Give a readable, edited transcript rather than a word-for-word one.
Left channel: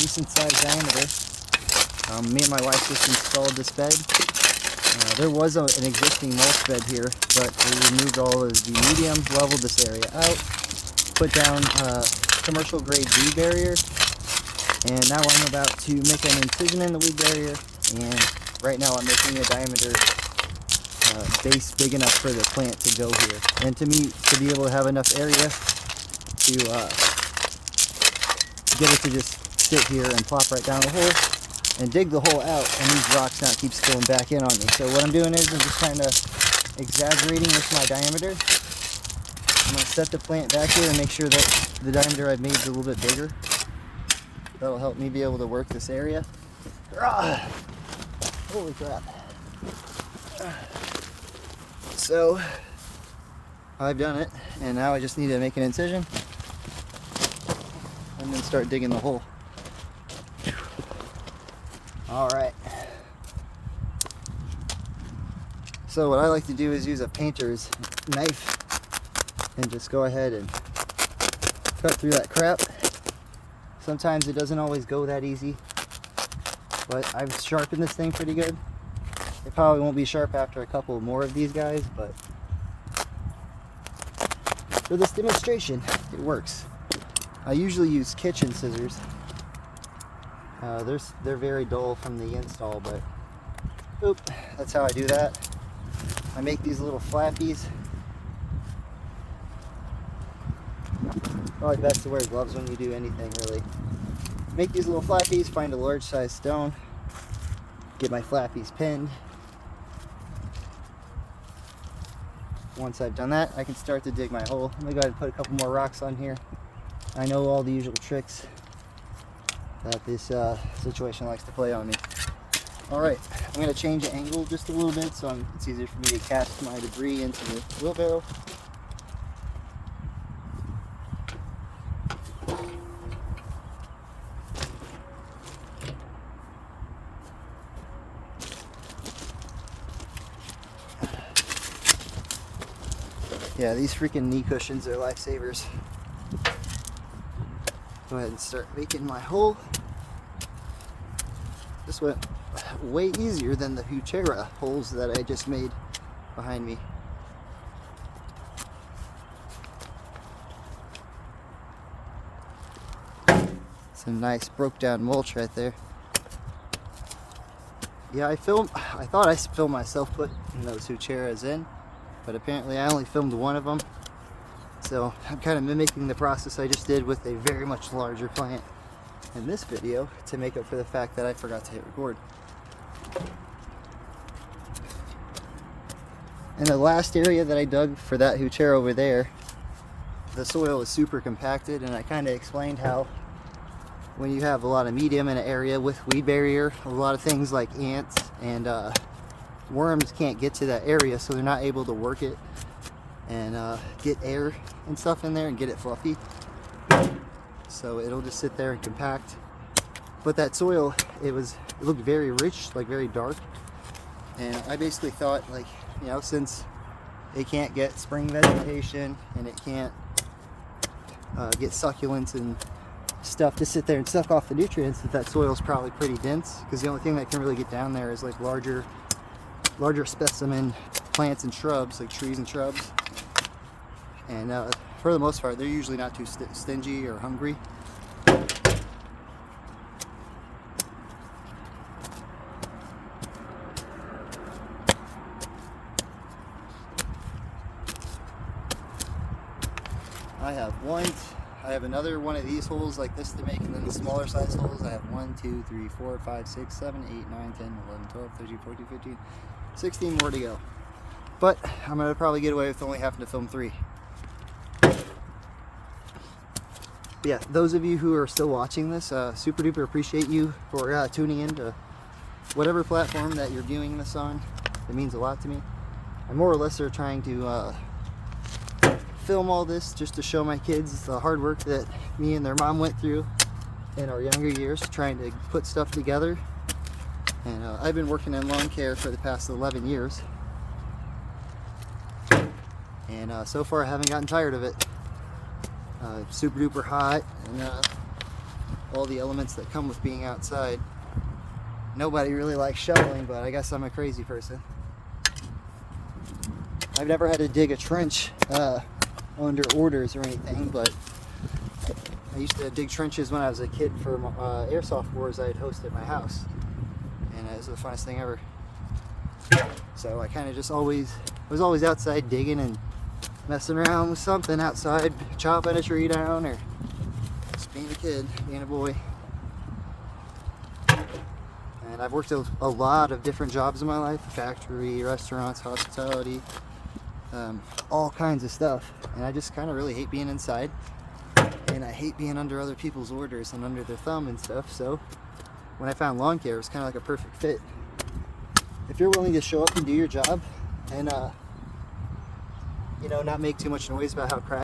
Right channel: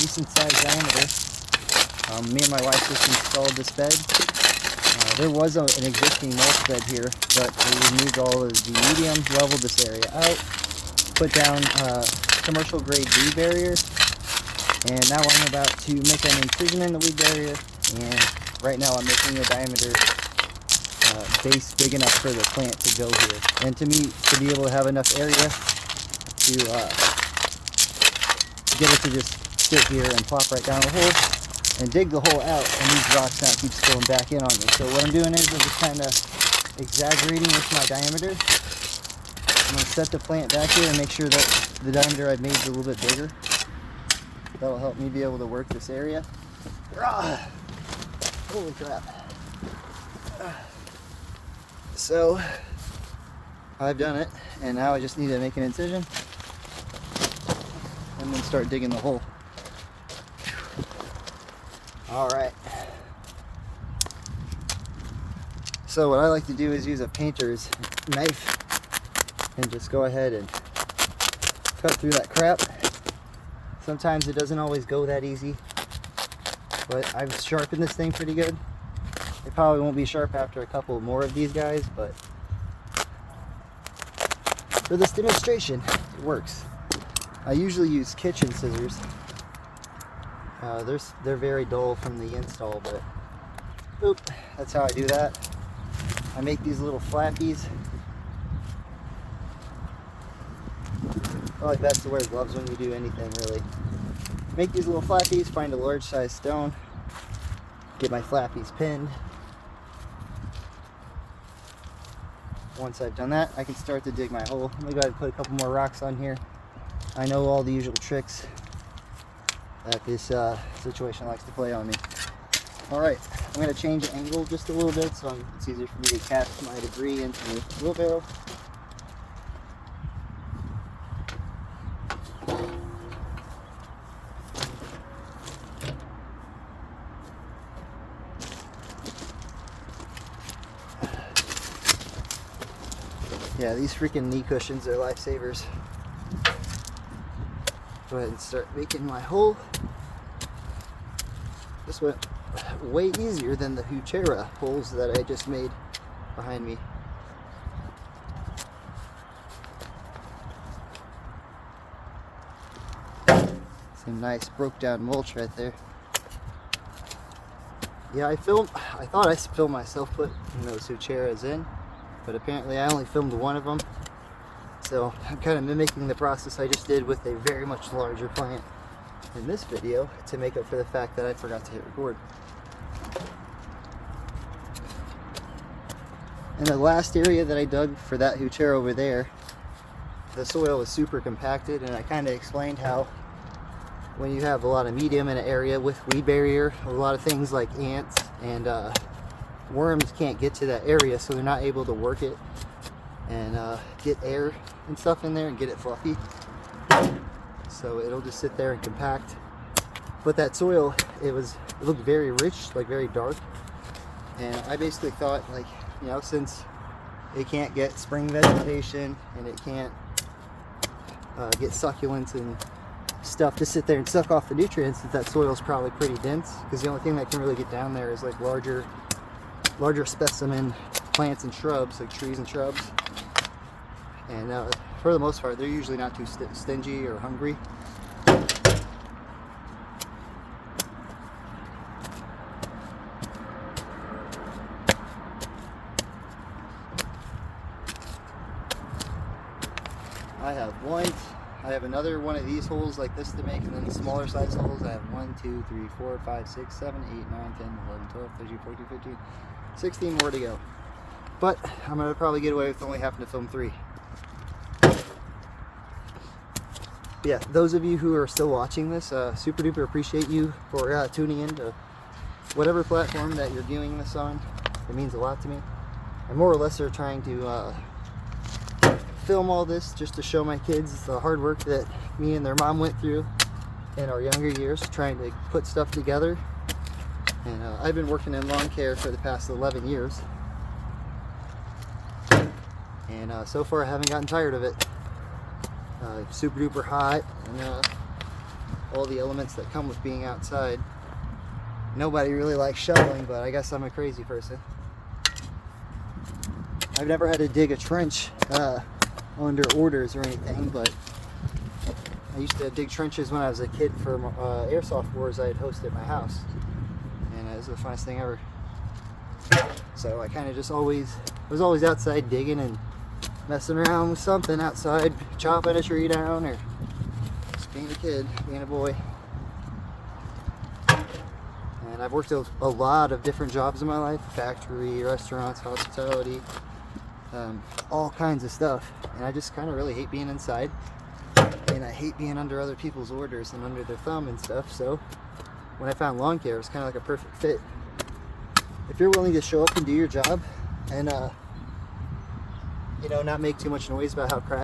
decent sized diameter. Me and my wife just installed this bed. There was an existing mulch bed here, but we removed all of the medium, leveled this area out, put down commercial grade weed barrier, and now I'm about to make an incision in the weed barrier, and right now I'm making a diameter base big enough for the plant to go here, and to be able to have enough area to get it to just sit here and plop right down the hole and dig the hole out, and these rocks not keep going back in on me. So what I'm doing is I'm just kind of exaggerating with my diameter. I'm going to set the plant back here and make sure that the diameter I've made is a little bit bigger. That'll help me be able to work this area. Holy crap. So I've done it, and now I just need to make an incision and then start digging the hole. Alright. So what I like to do is use a painter's knife and just go ahead and cut through that crap. Sometimes it doesn't always go that easy, but I've sharpened this thing pretty good. It probably won't be sharp after a couple more of these guys, but for this demonstration, it works. I usually use kitchen scissors. They're very dull from the install, but oop, that's how I do that. I make these little flappies. Probably best to wear gloves when you do anything, really. Make these little flappies, find a large size stone, get my flappies pinned. Once I've done that, I can start to dig my hole. Let me go ahead and put a couple more rocks on here. I know all the usual tricks that this situation likes to play on me. Alright, I'm going to change the angle just a little bit so it's easier for me to cast my debris into the wheelbarrow. Yeah, these freaking knee cushions are lifesavers. Go ahead and start making my hole. This went way easier than the Huchera holes that I just made behind me. Some nice broke down mulch right there. Yeah, I thought I filmed myself putting those Hucheras in, but apparently I only filmed one of them. So I'm kind of mimicking the process I just did with a very much larger plant in this video to make up for the fact that I forgot to hit record. In the last area that I dug for that Huchera over there, the soil was super compacted, and I kind of explained how when you have a lot of medium in an area with weed barrier, a lot of things like ants and worms can't get to that area, so they're not able to work it and get air and stuff in there and get it fluffy. So it'll just sit there and compact. But that soil, it looked very rich, like very dark. And I basically thought, like, you know, since it can't get spring vegetation and it can't get succulents and stuff to sit there and suck off the nutrients, that soil is probably pretty dense, because the only thing that can really get down there is like larger specimen plants and shrubs, like trees and shrubs. And for the most part, they're usually not too stingy or hungry. I have another one of these holes like this to make, and then the smaller size holes. I have 1, 2, 3, 4, 5, 6, 7, 8, 9, 10, 11, 12, 13, 14, 15, 16 more to go. But I'm going to probably get away with only having to film 3. Yeah, those of you who are still watching this, super duper appreciate you for tuning in to whatever platform that you're viewing this on. It means a lot to me. I more or less are trying to film all this just to show my kids the hard work that me and their mom went through in our younger years trying to put stuff together. And I've been working in lawn care for the past 11 years, and so far I haven't gotten tired of it. It's super duper hot, and all the elements that come with being outside. Nobody really likes shoveling, but I guess I'm a crazy person. I've never had to dig a trench under orders or anything, but I used to dig trenches when I was a kid for airsoft wars I had hosted at my house, and it was the funnest thing ever. So I kind of just was always outside digging and messing around with something outside, chopping a tree down, or just being a kid, being a boy. And I've worked a lot of different jobs in my life: factory, restaurants, hospitality, all kinds of stuff. And I just kind of really hate being inside, and I hate being under other people's orders and under their thumb and stuff. So when I found lawn care, it was kind of like a perfect fit. If you're willing to show up and do your job and not make too much noise about how crap